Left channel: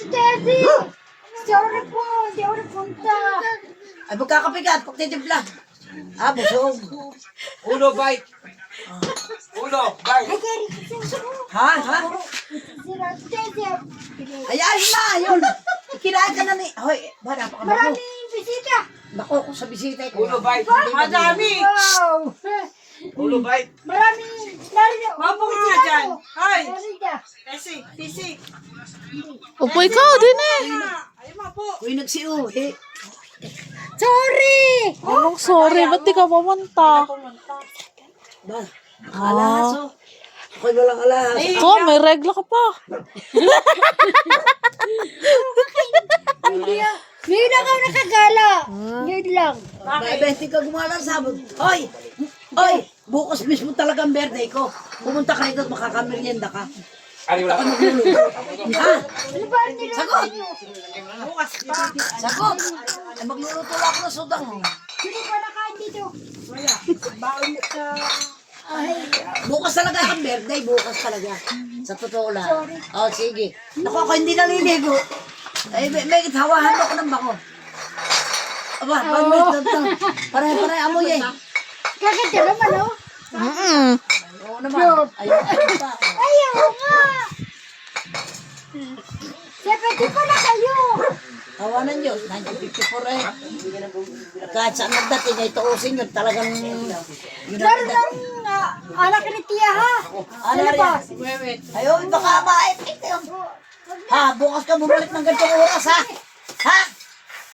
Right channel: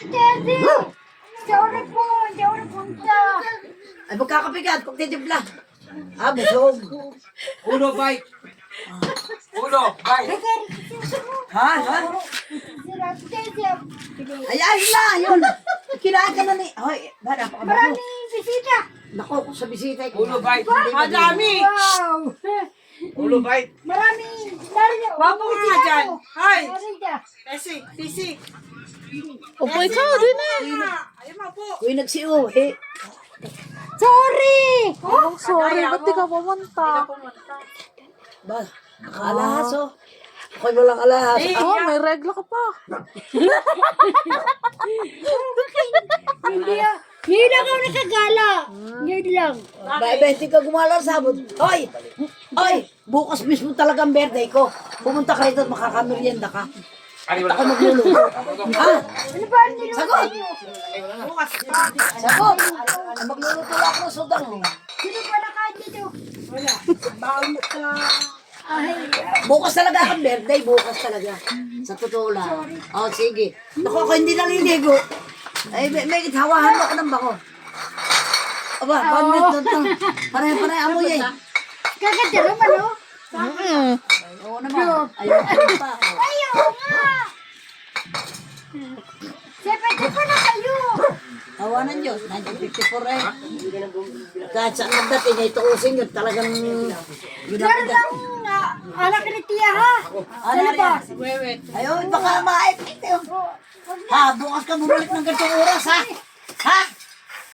Teddy! Sorry po, hindi ako napunta. Ay, magkakapigat, kung titipla. Ah, busog. Uno, bite. Uno, bite. Ha? Teddy, Ayan na, yun. Kinain ka na ni... Hoy, ba, napakababo. maraming bisita. Nako, sa bisita. Uno, bite. Madami. Wow! Uno, bite. Maraming narinig. Wapo ka nga dyan. Hoy. Narinig. Pisi. Upo ikaw din eh. Ayun mo po. Uy, nagsiyo. Eh, Sorry! Anong sorry, ba't di ka pumunta? ba, nakalahas oh. Ako'y walang alahas. Oh, may regla ka pa. Ngayon lang ako nakagala. Ngayon lang. Ba, 20 ka gumala sa sabot. Hoy! Hoy! Bukas mismo talaga ang birthday ko. Pumunta ka rito at makakameryenda ka. Ari, wala Ako magluluto. Ha? Ano ba ang niluto Sagot! niyo? Bukas pa. Sagot! Ay, magluluto lang ako ng sudang. Sino pa nakain dito? Baon ka. Bukas talaga ang birthday. Bukas talaga. Sa totoo lang. Oh, sige. Naku, ako hindi naliligo. Ay, may hawahan ako ng bako. Aba, pamit na ito. Pare-pare amoy eh. Kaganda naman, oh. Oo naman. Ayaw pa. Ayaw nga. 70 pa na kayo. Tawanan nyo. 1954 eh. Kahit saan nagdating ay tuusin nyo. Talagang... Meron lang anak ni Tia, ha? Ano ba? Wewet. Ayaw, baka maipit yun. Ha, bukas ka bumalik ng ganitong oras ha? Ha?